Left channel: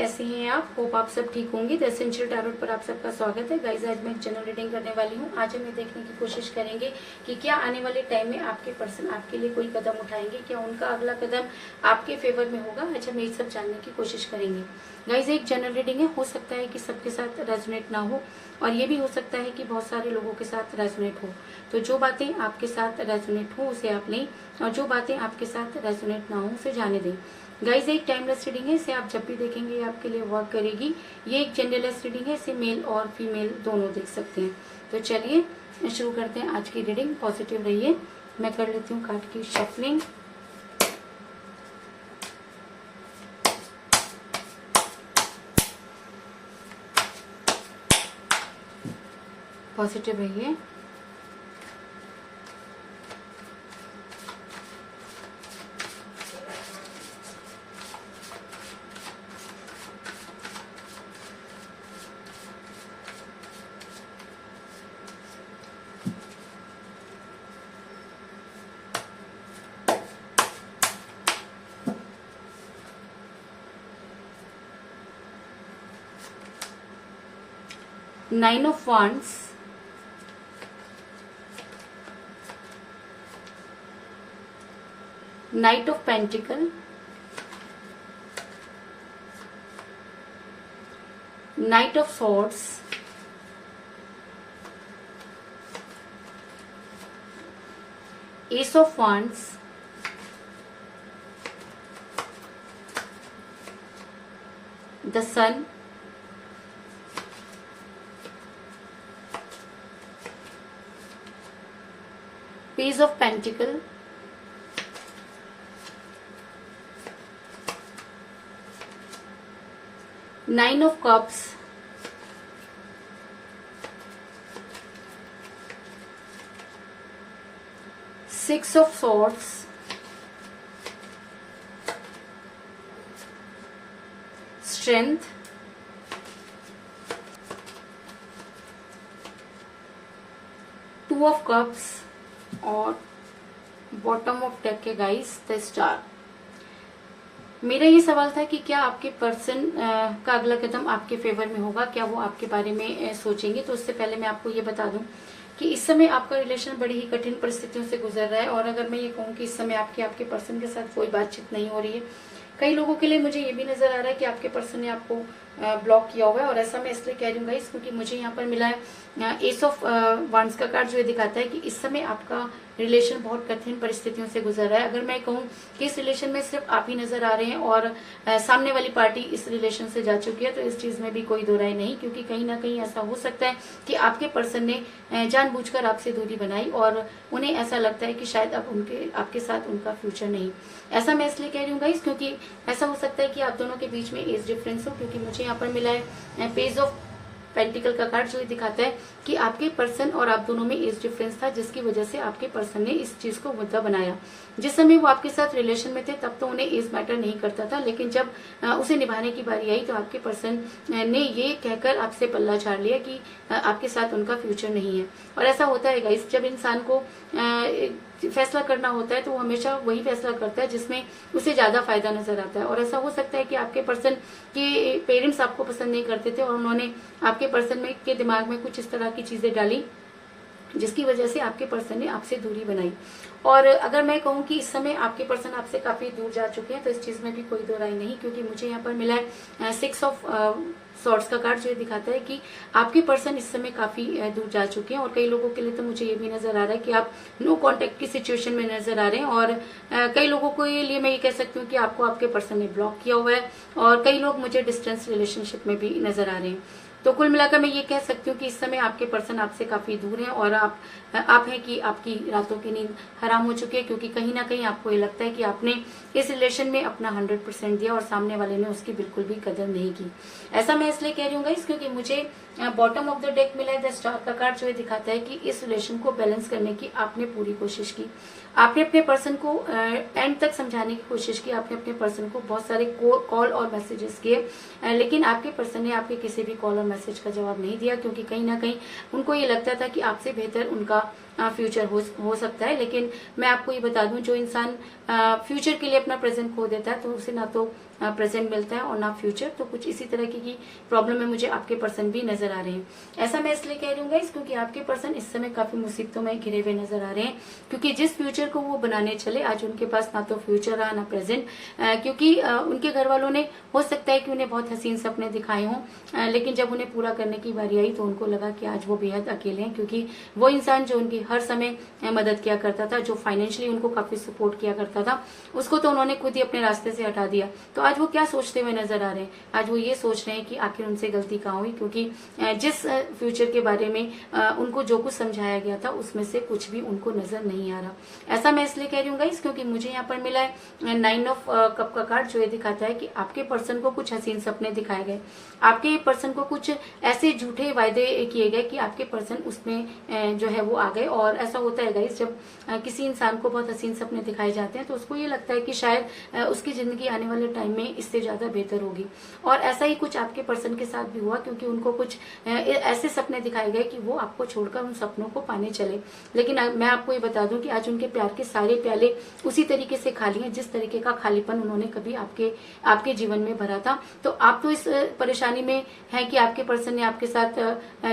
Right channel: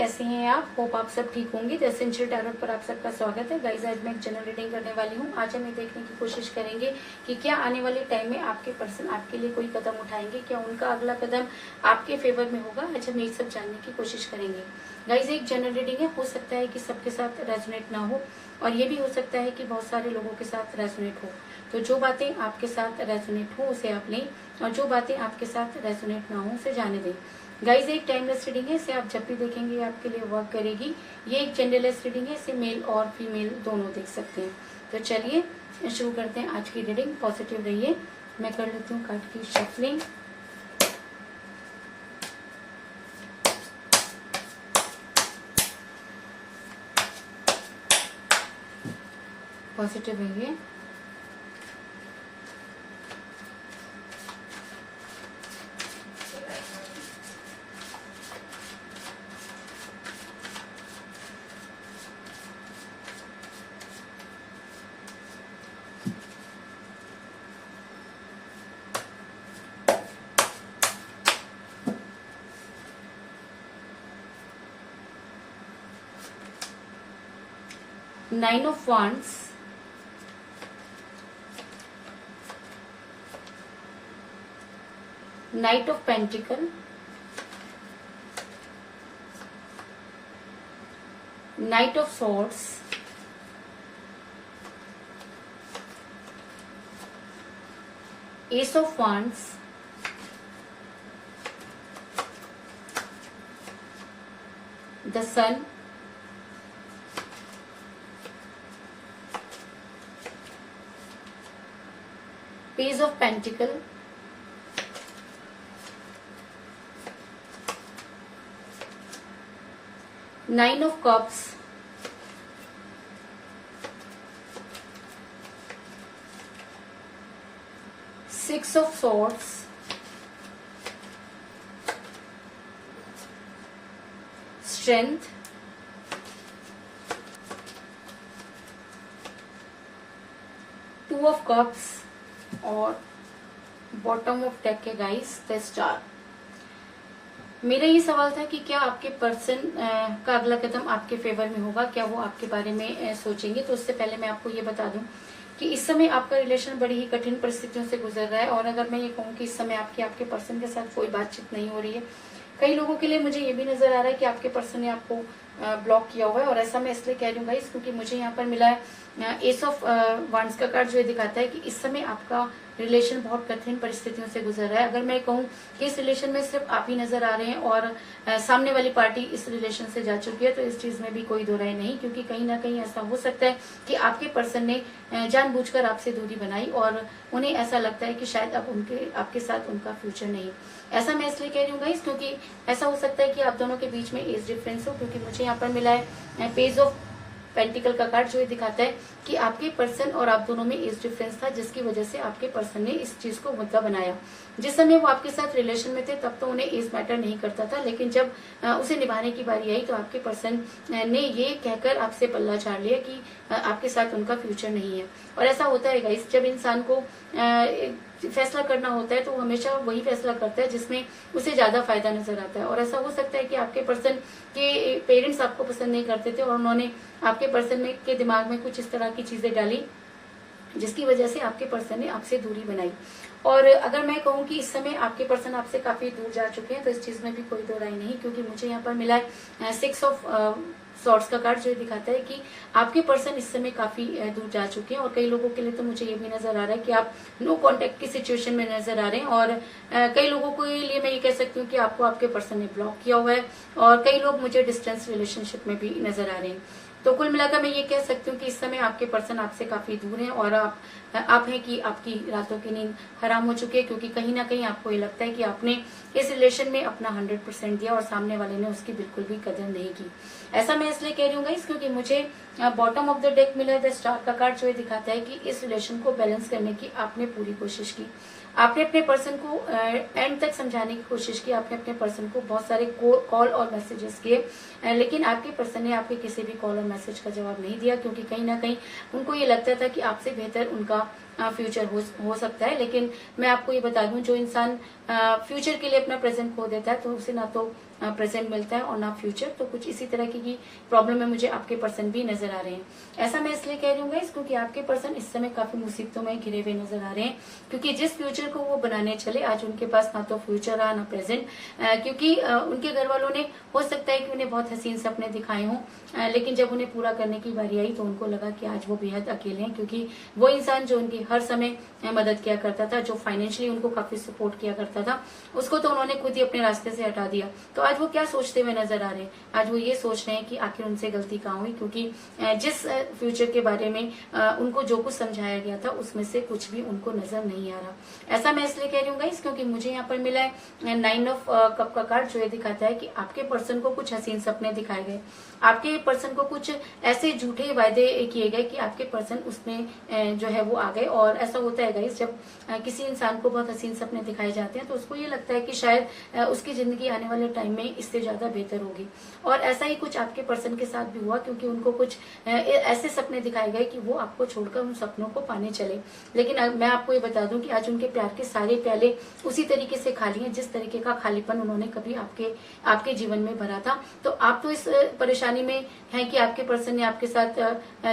कैसे हैं आप? होप आप सब ठीक होंगे। द एसेंशियल टैरोट पर आप सबका स्वागत है। गाइस, आज मैं एक जनरल रीडिंग करने वाली हूँ। आज हम ये देखने की कोशिश करेंगे कि क्या आने वाले टाइम में आपके पर्सन आपके लिए कोई कदम उठाएंगे, क्या उनका अगला कदम आपके फेवर में होगा। आज हम यही सब जानने की कोशिश करेंगे। गाइस, एक जनरल रीडिंग है, हो सकता है कि सबके साथ रेजोनेट ना हो और ये भी हो सकता है कि बहुत सारे लोगों के साथ रेजोनेट हो। तो जो बातें आपके साथ रेजोनेट हो उसे आप लें और जो बातें आपके साथ रेजोनेट ना हो उसे जाने दें। गाइज, एक टाइमलेस रीडिंग है, इसे आप जब भी देखेंगे ये आपके लिए वर्क करेगी। ये एक जेंडरलेस रीडिंग है, इसे मेल और फीमेल दोनों देख सकते हैं। तो चलिए शुरू करते हैं आज की रीडिंग। पॉजिटिव रहिए। मैं कर लेती हूँ कार्ड की शफलिंग। पॉजिटिव रहिए। Nine of Wands, Knight of Pentacle, Knight of Swords, Ace of Wands, the Sun, Page of Pentacle, Nine of Cups, Six of Swords, Strength, Two of Cups और bottom of deck है guys the star. मेरा ये सवाल था कि क्या आपके person का अगला कदम आपके फेवर में होगा, क्या वो आपके बारे में सोचेंगे। तो उससे पहले मैं आपको ये बता दूं कि इस समय आपका रिलेशन बड़ी ही कठिन परिस्थितियों से गुजर रहा है। और अगर मैं ये कहूँ कि इस समय आपके पर्सन के साथ कोई बातचीत नहीं हो रही है, कई लोगों के लिए मुझे ये भी नजर आ रहा है कि आपके पर्सन ने आपको ब्लॉक किया हुआ है। और ऐसा मैं इसलिए कह रही हूँ गाइस क्योंकि मुझे यहाँ पर मिला है एस ऑफ वांड्स का कार्ड, जो ये दिखाता है कि इस समय आपका रिलेशन बहुत कठिन परिस्थितियों से गुजर रहा है। अगर मैं कहूँ कि इस रिलेशन में सिर्फ आप ही नजर आ रहे हैं और सामने वाली पार्टी इस रिलेशन से जा चुकी है, तो इस चीज में भी कोई दो राय नहीं, क्योंकि कहीं ना कहीं ऐसा हो सकता है कि आपके पर्सन ने जानबूझकर आपसे दूरी बनाई और उन्हें ऐसा लगता है कि शायद अब आपके साथ उनका फ्यूचर नहीं। ऐसा मैं इसलिए कह रही हूँ गाइस क्योंकि ऐसा हो सकता है कि आप दोनों के बीच में एज डिफरेंस हो, क्योंकि मुझे यहाँ पर मिला है पेज ऑफ पेंटिकल का कार्ड, जो ये दिखाता है कि आपके पर्सन और आप दोनों में एज डिफरेंस था, जिसकी वजह से आपके पर्सन ने इस चीज को मुद्दा बनाया। जिस समय वो आपके साथ रिलेशन में थे तब तो उन्हें एज मैटर नहीं करता था, लेकिन जब उसे निभाने की बारी आई तो आपके पर्सन ने ये कहकर आपसे पल्ला झाड़ लिया कि आपके साथ उनका फ्यूचर नहीं है। और ऐसा होता है गाइस, जब इंसान को फैसला करना होता है तो वो हमेशा वही फैसला करता है जिसमें उसे ज्यादा फायदा नजर आता है। और ऐसा हो सकता है कि आपके पर्सन के पेरेंट्स आपको पसंद नहीं करते थे और उन्होंने आपके पर्सन में के दिमाग में कुछ इस तरह की चीजें डाली जिसकी वजह से आपके पर्सन ने आपसे दूरी बनाई। और अगर मैं कहूँ कि इस समय आपके पर्सन आपसे काफी दूर जा चुके हैं, तो इस चीज में भी कोई दो राय नहीं, क्योंकि मुझे यहाँ पर मिला है सिक्स ऑफ सॉर्ड्स का कार्ड, जो दिखाता है कि आपके पर्सन इस समय काफी दूर जा चुके हैं। और कई लोगों के लिए तो मुझे ये भी नजर आ रहा है कि आप नो कांटेक्ट की सिचुएशन में नजर आ रहे हैं। और कई लोगों को लिए मैं ये कह सकती हूँ कि आपको आपके पर्सन ने ब्लॉक किया हुआ है और कई लोग मुझे डिस्टेंस रिलेशनशिप में भी नजर आ रहे हैं। तो कुल मिलाकर मैं ये कह सकती हूँ कि इस समय आपके पर्सन आपसे काफी दूर हैं और आप हैं कि आपकी रातों की नींद हराम हो चुकी है, क्योंकि कहीं ना कहीं आपको ये लगता है कि आपने इस रिलेशन में अपना 100% दिया और सामने वाले ने उसकी बिल्कुल भी कदर नहीं की। ऐसा मैं इसलिए कह रही हूँ गाइस क्योंकि मुझे बॉटम ऑफ द डेक मिला है द स्टार का कार्ड, जो ये दिखाता है कि इस रिलेशन को बैलेंस करने की आपने पूरी कोशिश की। आपने अपने पर्सन को एंड तक समझाने की कोशिश की, आपने अपने पर्सन को बहुत सारे कॉल और मैसेजेस किए, लेकिन आपके पर्सन ने आपके किसी भी कॉल और मैसेज का जवाब नहीं दिया, क्योंकि कहीं ना कहीं उनको ये लगता था कि आपसे बेहतर उनका फ्यूचर हो सकता है। लेकिन मैं आपको ये बता दूं, जो इंसान फ्यूचर के लिए अपना प्रेजेंट खो देता है तो उसे ना तो प्रेजेंट मिलता है और ना फ्यूचर। तो कुछ इसी तरह की प्रॉब्लम में मुझे आपके पर्सन भी नजर आ रहे हैं। ऐसा मैं इसलिए कह रही हूँ गाइस क्योंकि आपके पर्सन इस समय काफी मुसीबतों में घिरे हुए नजर आ रहे हैं, क्योंकि जिस फ्यूचर को वो बनाने चले आज उनके पास ना तो फ्यूचर रहा ना प्रेजेंट, क्योंकि उनके घर वालों ने हो सकता है कि उन्हें बहुत हसीन सपने दिखाए हों, लेकिन जब उन्हें पूरा करने की बारी आई तो उनको लगा कि आज वो बेहद अकेले हैं, क्योंकि वो इंसान जो उनकी हर समय मदद किया करता था, जो फाइनेंशियली उनको काफी सपोर्ट किया करता था, उसको तो उन्होंने खुद ही अपने रास्ते से हटा दिया। तो आज वो क्या सोचते हुए नजर आ रहे हैं? आज वो ये सोच रहे हैं कि आखिर उनसे गलती कहाँ हुई, क्योंकि जिस फ्यूचर के बारे में उनको जो कुछ समझाया गया था उसमें से कुछ भी उनको नजर नहीं आ रहा। ऐसा मैं इसलिए कह रही हूँ गाइस क्योंकि मुझे यहाँ पर मिला है 9 ऑफ कप का कार्ड, जो ये दिखाता है कि आपके पर्सन को कुछ हसीन सपने दिखाए गए, आपके पर्सन को कुछ ऐसे झूठे वायदे किए गए कि आपके पर्सन उसमें जो है वो आ गए। और ऐसा होता है गाइस जब किसी इंसान को बहुत हसीन सपने दिखाए जाते हैं तो उसको ये लगता है कि शायद उसकी जिंदगी आने वाले टाइम में इससे ज्यादा बेहतर होगी। और ऐसा ही कुछ आपके पर्सन के साथ भी हुआ, क्योंकि उनको कुछ ऐसे सपने दिखाए गए कि वो आपको छोड़कर उन सपनों को पाने चले। लेकिन मैं आपको ये बता दूं कि आज उनके प्यार के सारे प्याले उसी तरीके से खाली हैं जिस तरीके का खालीपन उन्होंने कभी आपके जीवन में भरा था। तो आप तो इस परेशानी में है कि आपके पर्सन ने आपके साथ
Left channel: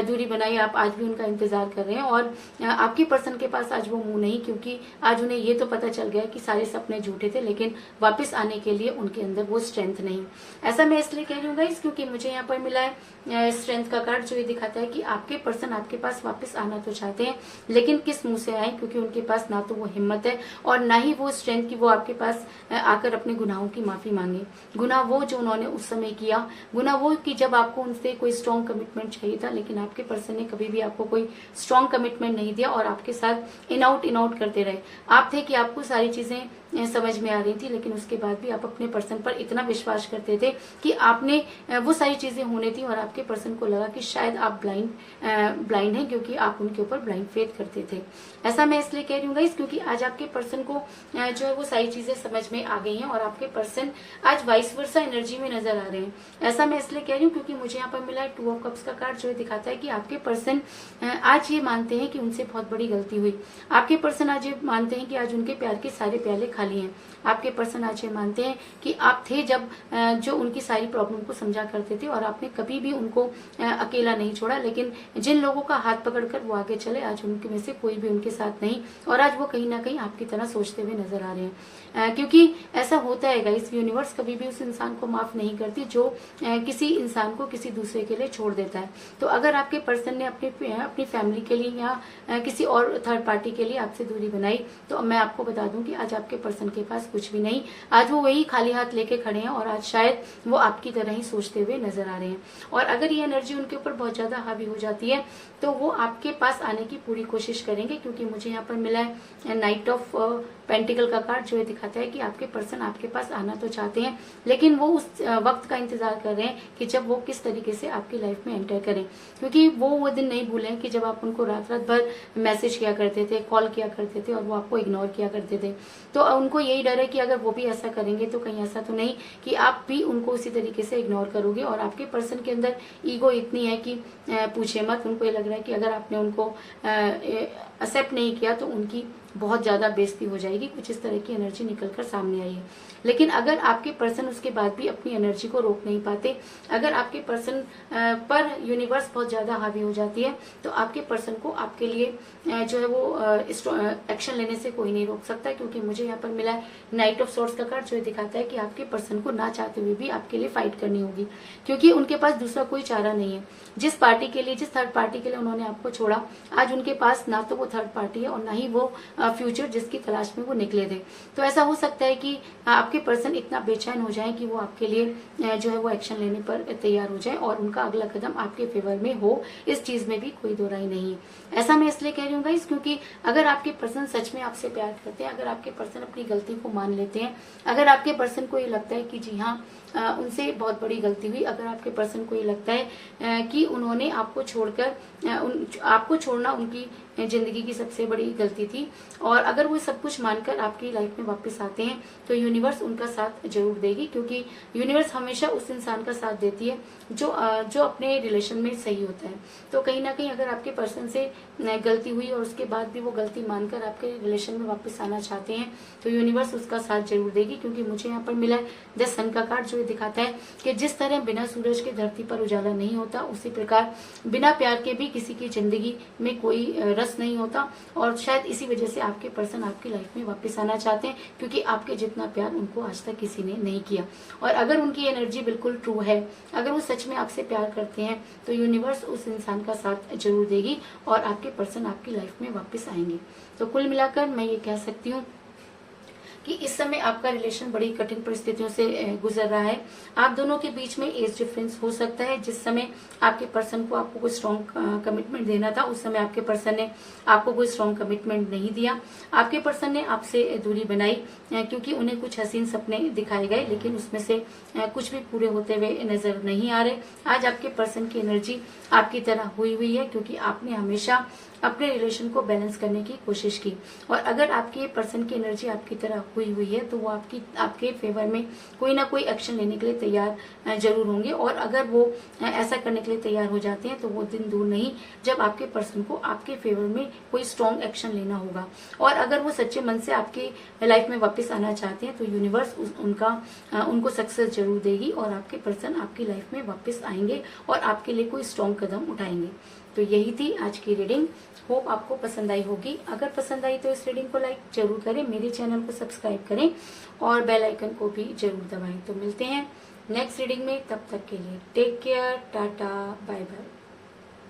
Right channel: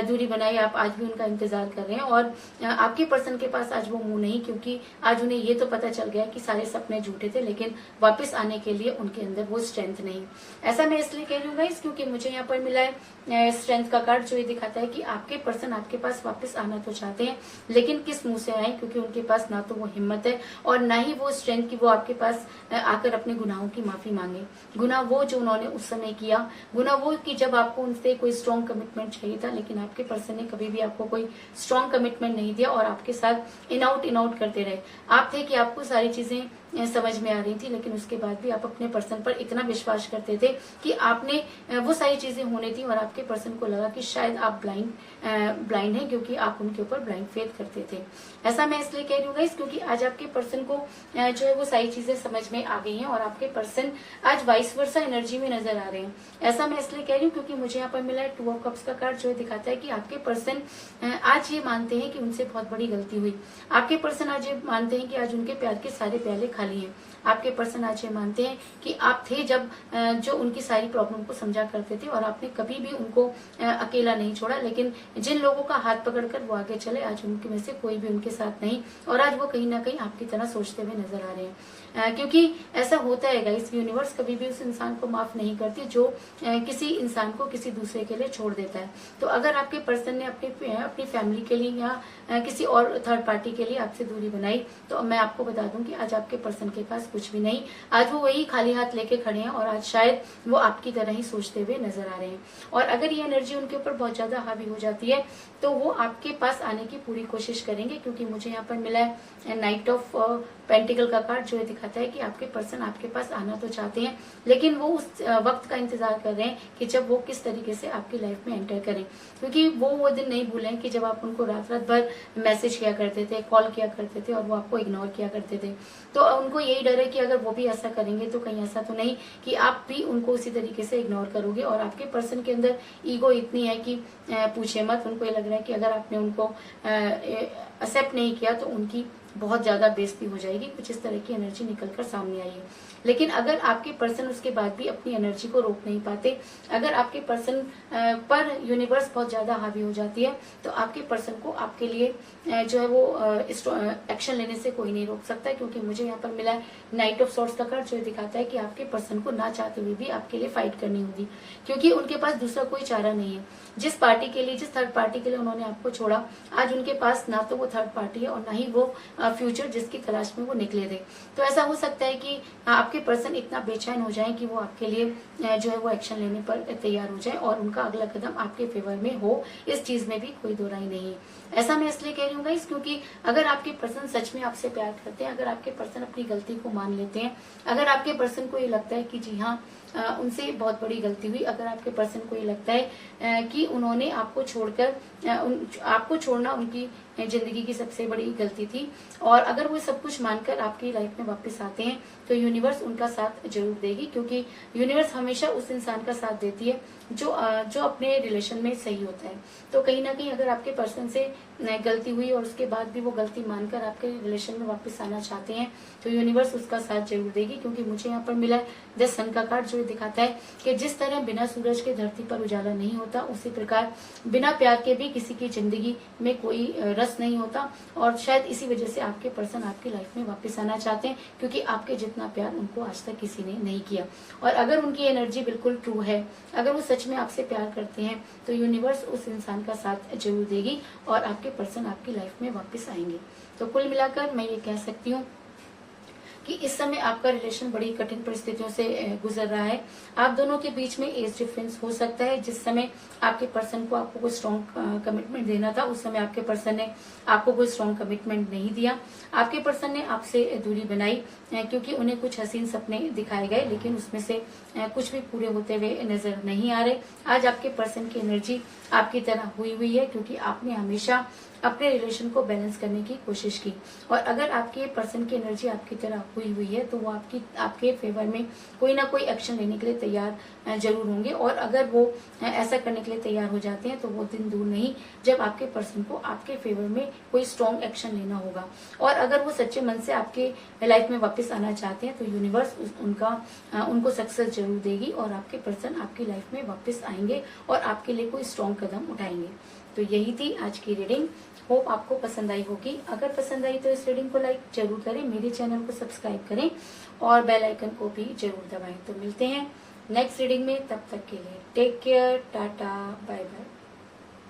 दूरी बनाई, आप आज भी उनका इंतजार कर रहे हैं और आपके पर्सन के पास आज वो मुंह नहीं, क्योंकि आज उन्हें ये तो पता चल गया कि सारे सपने झूठे थे, लेकिन वापस आने के लिए उनके अंदर वो स्ट्रेंथ नहीं। ऐसा मैं इसलिए कह रही हूँ गाइस क्योंकि मुझे यहाँ पर मिला है स्ट्रेंथ का कार्ड, जो ये दिखाता है कि आपके पर्सन आपके पास वापस आना तो चाहते हैं, लेकिन किस मुंह से आए, क्योंकि उनके पास ना तो वो हिम्मत है और ना ही वो स्ट्रेंथ की वो आपके पास आकर अपने गुनाहों की माफी मांगे। गुनाह वो जो उन्होंने उस समय किया, गुनाह वो कि जब आपको उनसे कोई स्ट्रॉन्ग कमिटमेंट चाहिए था, लेकिन आपके पर्सन ने कभी भी आपको कोई स्ट्रॉन्ग कमिटमेंट नहीं दिया और आपके साथ इन आउट करते रहे। आप थे कि आपको सारी चीजें समझ में आ रही थी, लेकिन उसके बाद भी आप अपने पर्सन पर इतना विश्वास करते थे कि आपने वो सारी चीजें होने थी और आपके पर्सन को लगा कि शायद आप ब्लाइंड हैं, क्योंकि आप उनके ऊपर ब्लाइंड फेथ करते थे। ऐसा मैं इसलिए कह रही हूँ गाइस क्योंकि आज आपके पर्सन को जो है वो सारी चीजें समझ में आ गई हैं और आपके पर्सन आज वाइस वर्सा एनर्जी में नजर आ रहे हैं। ऐसा मैं इसलिए कह रही हूँ क्योंकि मुझे यहाँ पर मिला है 2 ऑफ कप्स का कार्ड, जो दिखाता है कि आपके पर्सन आज ये मानते हैं कि उनसे बहुत बड़ी गलती हुई। आपके पर्सन आज ये मानते हैं कि आज उनके प्यार के सारे प्याले खाली हैं। आपके पर्सन आज ये मानते हैं कि आप थे जब जो उनकी सारी प्रॉब्लम को समझा करते थे और आपने कभी भी उनको अकेला नहीं छोड़ा, लेकिन जिन लोगों का हाथ पकड़कर वो आगे चले आज उनके में से कोई भी उनके साथ नहीं और आज वो कहीं ना कहीं आपकी तरह सोचते हुए नजर आ रहे हैं। क्योंकि ऐसा होता है गाइस, यूनिवर्स कभी भी उस इंसान को माफ नहीं करती जो किसी इंसान को किसी दूसरे के लिए छोड़ देता है। तो अगर आपके पर्सन ने अपनी फैमिली के लिए या किसी और थर्ड पार्टी के लिए आपसे दूरी बनाई, तो मैं आपको बता दूं कि आज आपके पर्सन के पास कुछ भी नहीं, आज वो वही खाली हाथ लेके खड़े हैं और आज शायद वो आपकी तरह ही सोचते हुए नजर आ रहे हैं। और अगर ये एनर्जी उनके ऊपर बहुत ज्यादा हावी हो जाती है तो वो आपके पास आने की पूरी कोशिश करेंगे, क्योंकि मुझे यहाँ पर मिला है नाइट ऑफ पेंटिकल का कार्ड, जो ये दिखाता है कि आपके पर्सन आपके पास आना तो चाहते हैं, लेकिन वो उस वक्त का इंतजार कर रहे हैं कि जब वो किस तरीके से आपकी लाइफ में एंटर करें, क्योंकि वो दिन नहीं भूले कि जब आप उनको रात भर मैसेज किया करते थे, कॉल किया करते थे और वो आपको इग्नोर किया करते थे। तो उनको यही डर है कि अगर वो भी ऐसा करेंगे तो कहीं ऐसा तो नहीं कि आप भी उनको उसी तरीके से इग्नोर करोगे। और आपके पर्सन के अंदर ईगो इतनी है कि पूछे मत, उनको ये लग रहा है कि अगर आपने उनको एक्सेप्ट नहीं किया तो उनकी बहुत ज्यादा बेइज्जती हो जाएगी। कुछ इस तरह की एनर्जी निकलकर सामने आई है। लेकिन अगर आपके पर्सन उसके बाद भी अपनी एनर्जी को रोक नहीं पाते, अगर आपके पर्सन पर यूनिवर्स बहुत ज्यादा हावी हो जाती है, तो आपके पर्सन को आपके लिए जो है वो एक्शन लेने से कोई नहीं रोक सकता, क्योंकि मुझे यहाँ पर मिला है नाइट ऑफ सॉर्ड्स का कार्ड, जो दिखाता है कि आपके पर्सन को ना चाहते हुए भी आपके लिए फाइट करनी होगी, क्योंकि उनके पास दूसरा कोई चारा नहीं है। जिस पार्टी के लिए, जिस थर्ड पार्टी के लिए उन्होंने आपको छोड़ा, आज उनके पास ना तो वो थर्ड पार्टी है और ना ही वो फ्यूचर जिसकी तलाश में वो निकले थे। तो ऐसा हो सकता है कि आपके पर्सन इतना बेचैन हो जाए कि वो आपके लिए जो है वो एक्शन लेने पर तैयार हो जाए और उनका अगला कदम आपके फेवर में हो, इस चीज में भी कोई दो राय नहीं। ऐसा मैं इसलिए कह रही हूँ गाइस क्योंकि अगर आपके पर्सन सच में आपसे प्यार करते हैं, अगर आपके पर्सन अपनी गलती को मान लेते हैं, अगर आपके पर्सन को ये लगता है कि जी हाँ उनसे बहुत बड़ी गलती हुई, अगर आपके पर्सन को ये लगता है कि उन्होंने आपको छोड़कर आपको छोड़ना उनकी जिंदगी की सबसे बड़ी गलती थी, और अगर वो सब कुछ मानकर आपकी लाइफ में वापस आते हैं तो यूनिवर्स उनका साथ जरूर देगी, क्योंकि यूनिवर्स हमेशा उस इंसान का साथ देती है जो अपने रिलेशन में सही होता है। तो कहीं ना कहीं अगर आपके पर्सन से गलती हुई और उसके बाद भी वो गलती मानकर आपके रिलेशन में वापस आना चाहते हैं तो यूनिवर्स उसका साथ जरूर देगी, क्योंकि मुझे यहाँ पर मिला है द सन का कार्ड, जो हुए दिखाता है कि जिस तरह बिना सूरज के धरती पर उजाला नहीं होता, उसी प्रकार बिना प्यार के भी किसी की जिंदगी में कोई रस नहीं होता। और शायद इसी वजह से आपके पर्सन आपकी लाइफ में वापस आना चाहते हैं, क्योंकि आपके जितना प्यार उनको आज तक किसी ने नहीं किया। और अगर उनकी एनर्जी बिल्कुल ट्रू है, अगर वो सच में आपसे प्यार करते हैं, तो यूनिवर्स उस इंसान का साथ जरूर देगी और आपके पर्सन आपकी लाइफ में वापस आएंगे। तो कुल मिलाकर मैं ये कह सकती हूँ कि इस समय आपका रिलेशन बड़ी कठिन परिस्थितियों से गुजर रहा है। आप दोनों के बीच में एज डिफरेंस हो सकता है। जिस समय आपके पर्सन को आपको कोई स्ट्रॉन्ग कमिटमेंट देना था, उस समय आपके पर्सन ने आपको कोई स्ट्रॉन्ग कमिटमेंट नहीं दिया। आपके पर्सन ने आपसे दूरी बनाई क्योंकि उन्हें कुछ हसीन सपने दिखाए गए, लेकिन उसमें से कुछ भी पूरे होते हुए नजर नहीं आ रहे। आज आपके पर्सन की एनर्जी आपकी तरह हुई है, क्योंकि आपने हमेशा अपने रिलेशन को बैलेंस करने की कोशिश की। और अगर आपके पर्सन की एनर्जी आपकी तरह हुई है, तो वो आपके फेवर में कोई ना कोई एक्शन लेने के लिए तैयार जरूर होंगे। और अगर वो ऐसा करने के लिए तैयार हो जाते हैं, तो वो दिन दूर नहीं जब आपके पर्सन को आपके फेवर में कोई स्ट्रॉन्ग एक्शन लेना होगा। और अगर वो सच्चे मन से आपके लाइफ में वापस आना चाहते हैं, तो यूनिवर्स उनको सक्सेस जरूर देगी और आपके पर्सन आपकी लाइफ में वापस आएंगे और आपके लिए कोई स्ट्रॉन्ग कदम उठाएंगे। तो यही थी आज की रीडिंग। होप आपको पसंद आई होगी। अगर पसंद आई तो इस रीडिंग को लाइक जरूर करें, मेरे चैनल को सब्सक्राइब करें और बेल आइकन को भी जरूर दबाएं। तो मिलते हैं नेक्स्ट रीडिंग में, तब तक के लिए take care, tata, bye bye.